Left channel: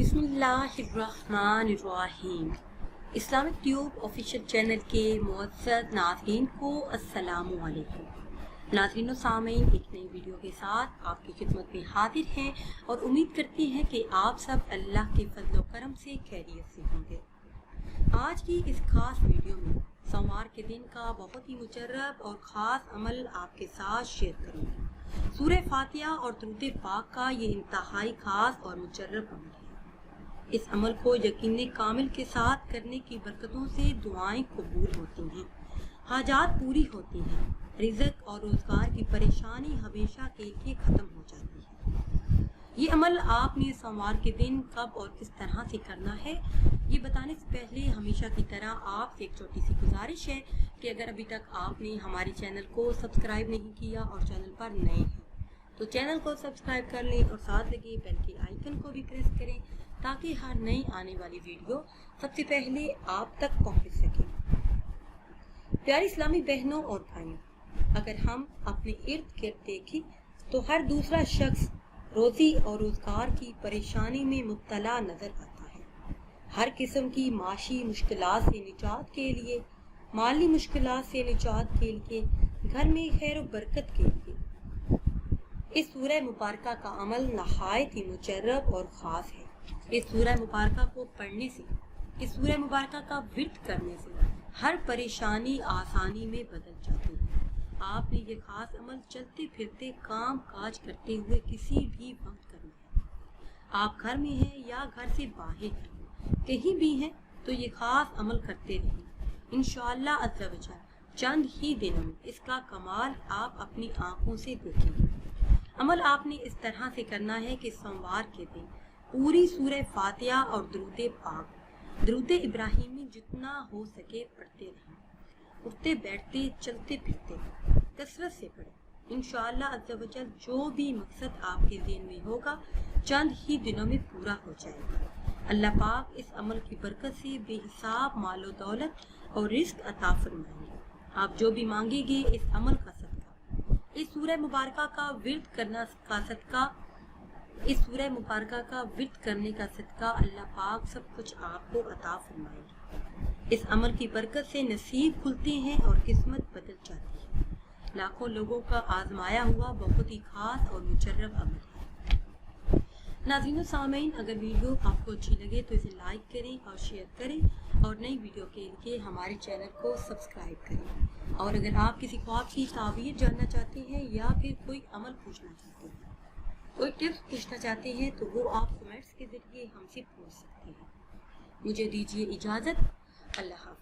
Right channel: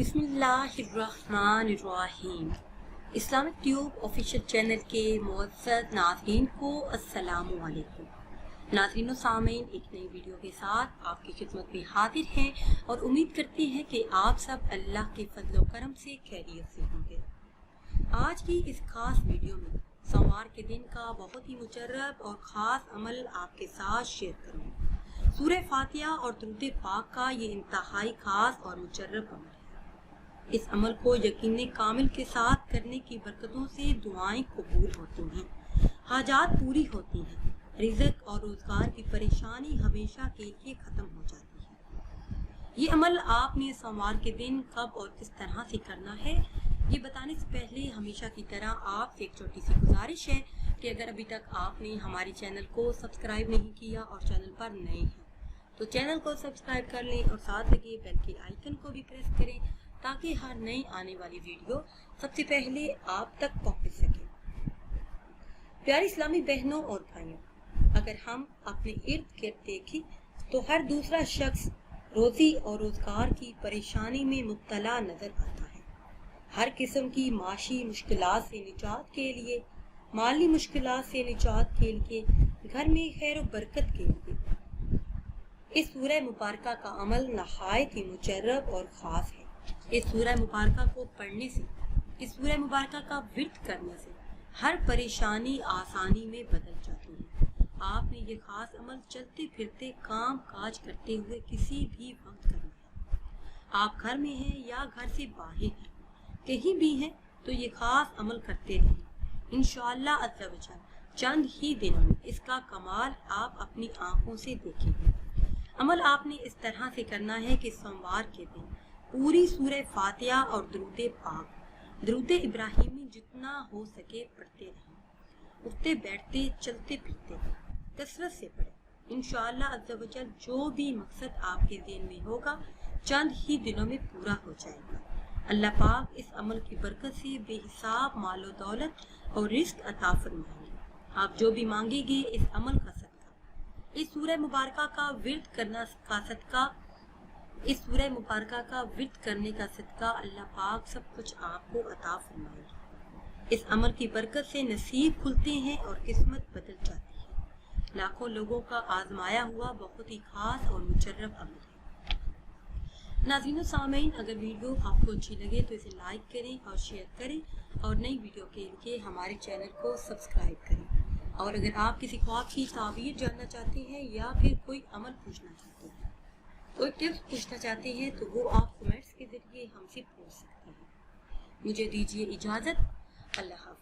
बिस्मिल्लाहिर्रहमानिर्रहीम। Islamic tube official channel के मुअज़्ज़ज़ नाज़रीन को अस्सलामु अलैकुम। नाज़रीन व सामीन, एक नई वीडियो के साथ आपकी खिदमत में हाजिर हैं और उम्मीद करते हैं कि आप सब अल्लाह के फज़ल व करम से खैरियत से होंगे। आज की इस खास वीडियो में सोमवार के दिन का बहुत ही मुजर्रब और ख़ास अमल आपके साथ शेयर करूँगी। सूरह फातिहा और दुरूद पाक का ये इंतहाई ख़ास और मुजर्रब अमल है। इस अमल को यकीन कामिल के साथ करने की बरकतों से दुआएं कबूल होती हैं, हाजात पूरी होती हैं, रिज़्क़ और रोज़गार की परेशानी हमेशा के लिए ख़त्म हो जाती है। ये अमल आपने सोमवार के दिन कब और किस तरह से करना है, ये बताने से पहले हमेशा की तरह आपसे एक छोटी सी गुजारिश है कि अगर अभी तक आपने हमारे चैनल को सब्सक्राइब नहीं किया और चैनल पर नए हैं तो चैनल को सब्सक्राइब कर लें और साथ लगे बेल के आइकन को भी प्रेस करें ताकि हर नई आने वाली वीडियो सबसे पहले आप तक पहुंच सके। प्यारी इस्लामी बहनों और भाइयों, अगर हम अपने इर्द गिर्द देखें तो हर दूसरा शख्स रोज़ी और रोज़गार की परेशानी में मुब्तला नज़र आता है। हर किस्म की माशी मुश्किलात से निजात के लिए, माली मुश्किलात से निजात के लिए, घर में खैर व बरकत के लिए इस सूरह मुबारका का अमल नहायत ही मुजर्रब और ख़ास है। इस सूरह मुबारका को पढ़ने से, इस सूरह मुबारका का विर्द करने से हर परेशानी आसानी में बदल जाती है। आपने ये ख़ास अमल चलते फिरते काम काज करते हुए किसी भी वक्त करना है। आप घर में हैं या घर से बाहर हैं, कहीं भी हैं तो ये ख़ास अमल करते रहें। इंशाअल्लाह अज़्ज़ा वजल चंद ही दिनों में इसका कमाल आप अपनी आँखों से देखेंगे। अमल आपने इस तरह से करना है कि सोमवार के दिन पूरी सूरह फातिहा और दुरूद पाक, दुरूद इब्राहिमी जितना हो सके पढ़ते रहें। उठते बैठते चलते फिरते कसरत से पढ़ें। इंशाअल्लाह अज़्ज़ा वजल जो भी मकसद आपके ज़हन में होगा चंद ही दिनों में पूरा हो जाएगा। अल्लाह पाक इस अमल की बरकत से बेहिसाब मालो दौलत और रिज़्क़ अता फरमाएंगे। आप जो भी मांगेंगे इस अमल का सदका, इस सूरह मुबारका का विर्द करना का सदका, इस सूरह मुबारका का विर्द करने का सदका अल्लाह पाक सब कुछ आपको अता फरमाएंगे। इस अमल की बरकत से नसीब खुलते हैं और किस्मत बदल जाती है। लाखों लोगों का आजमाया हुआ बहुत ही खास और मुजर्रब अमल है। नाज़रीन सामीन, अगर वीडियो आपको अच्छी लगे तो इसे लाइक करें और शेयर करें और नई वीडियो के लिए हमारे चैनल को सब्सक्राइब करें। और अगर आप किसी ख्वाब की ताबीर जानना चाहते हैं या फिर कोई अमल पूछना चाहते हैं, कोई टिप्स पूछना चाहते हैं तो वो आप कमेंट्स के ज़रिए हमसे पूछ सकते हैं। मुझे दीजिए इजाज़त। अल्लाह हाफ़िज़।